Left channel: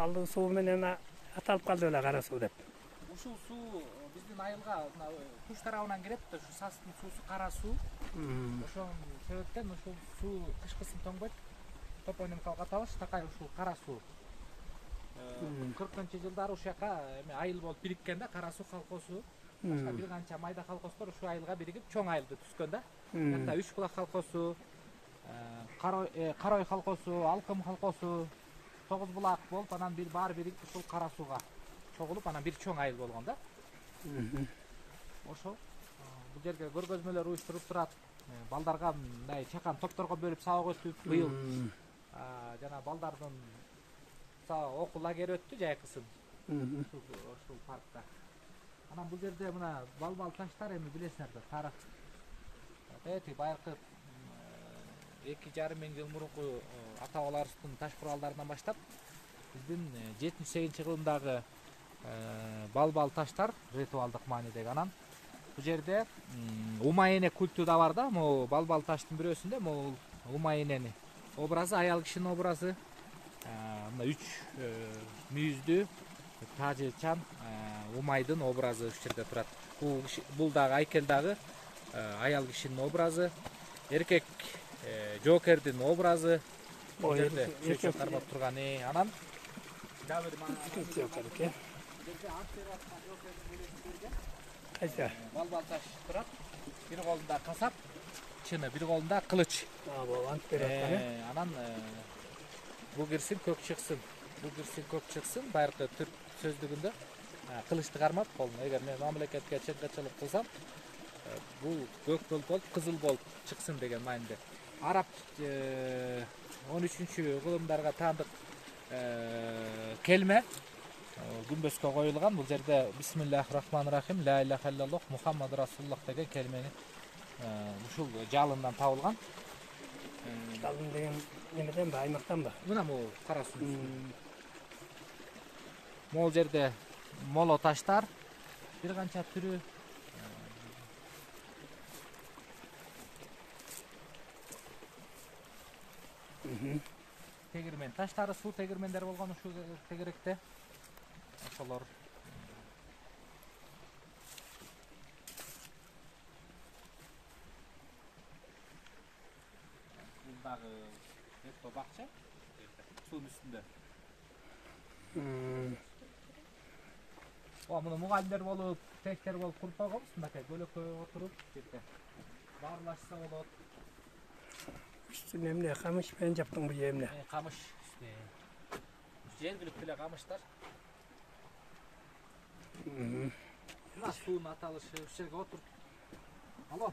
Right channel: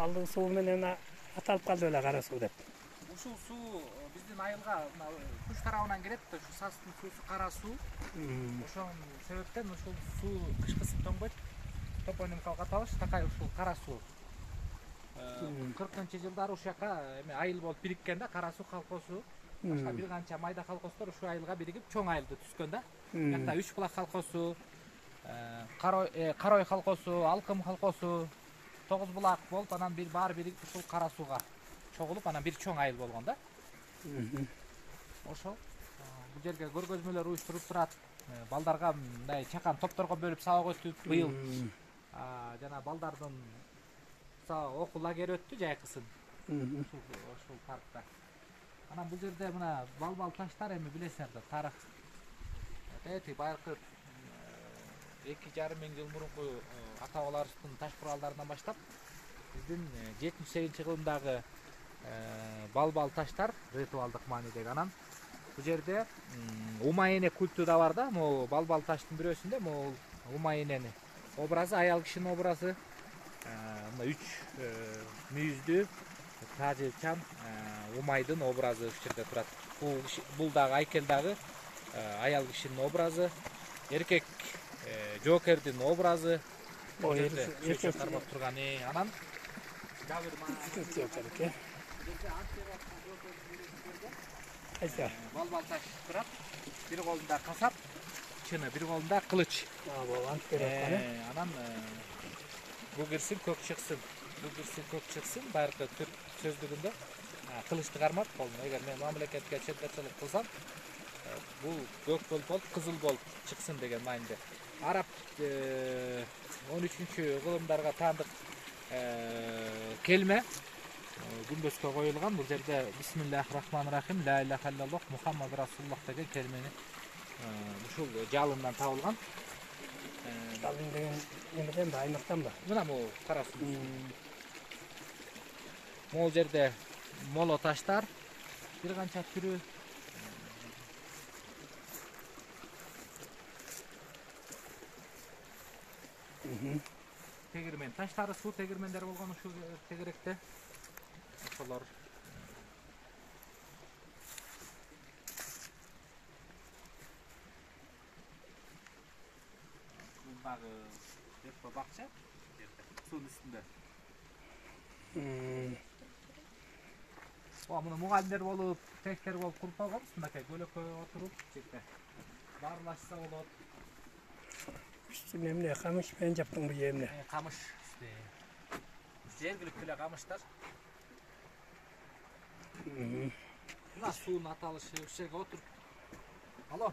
Kaldığı suu menен аталып калды эле кара суу деп. Ушул суу биздин айылга Күч тарабынан келет да, ушу Састын суусу кара суу. Ошол себептен ушул суу кышкысын тоңбойт. Топонимикалык аталыш такай ушул кара суу. 40-жылдары ушул жака эме айыл болуп бириккен да, кара суу колхозу. Башка бир канча майда колхоздор ушул айылга биригип чоң айылды түзгөн да. Анда Үч булак колхозу, Карой колхозу, Алкым колхозу, Тогуз булак болуп, анан бир баары биригип ушул кара сууга чогулуп, анан бир чоң айыл болгон да. Ошол бул жерге көргөзмөлөр уюштуруп турат. Балдарга мындай чакан топторго бөлүп сабак өтүп, быйыл жана балдардын окуу лагери өттү жайкысын. Ушул паркта. Анан бул жерде мына бал таштар, эми билесиңер да, тарых. Эти байыркы 2,5 миң жыл мурунку ата бабаларыбыздын таш куралдарынан баштап биздин 78 кылымдагы бал таштар ритуалдык маанидеги. Анан бул жерде Умайене культу да бар да. Могу бал таштын бирөөсүндө могу Умайенени образы, аял кишинин образы, мына 3 мүйүздүү тажылчан Умайдын образы ушул жерде турат. Бул дагы айкел дагы аял кишинин образы, эркек Жокердин образы. Эркек кармап турган. Анан дагы бир Жокер. Кайса? Бал таш турат. Бир колунда касап, чыны, бир колунда кылыч. Болгон керек. Анан бул кирсин көк чыксын. Бул кирсин көк чыксын. Байыркы түрк сөздүгүндө кылычты кармап колуна. Эгер мен мамлекетке чет-чет кылсам, бул көк болуп, кызыл болуп чыксын деген мааниде. Араб 13 кылымдарга таандык келме күмбөзгө коюлган. Бул жерде Бисмиллахир-рахманир-рахим, ла иляха иллаллах, Мухаммад расулуллах деген келмени ушул жалындан табылган. Жалын деген немеден ба, аймактан ба? Мына могу кара суу. Могу жерде моло таштар, бир канча түрү. Тегирмен таштары, суу тегирмендер болгон ушул тегеректе. Ошолор бул дагы этто бакча суунун үстүндө. Муну мугалимдер болуп, тектер болуп куруп койгонбуз. Мынакей көлөккө отуруп, жерде баарлашса болот. Üstüne emne kamış ben yaptım bu emne. Kamış işte. Жергиликтүү эле камыштар. Суунун аталышы ушул жерге отуруп. Алло.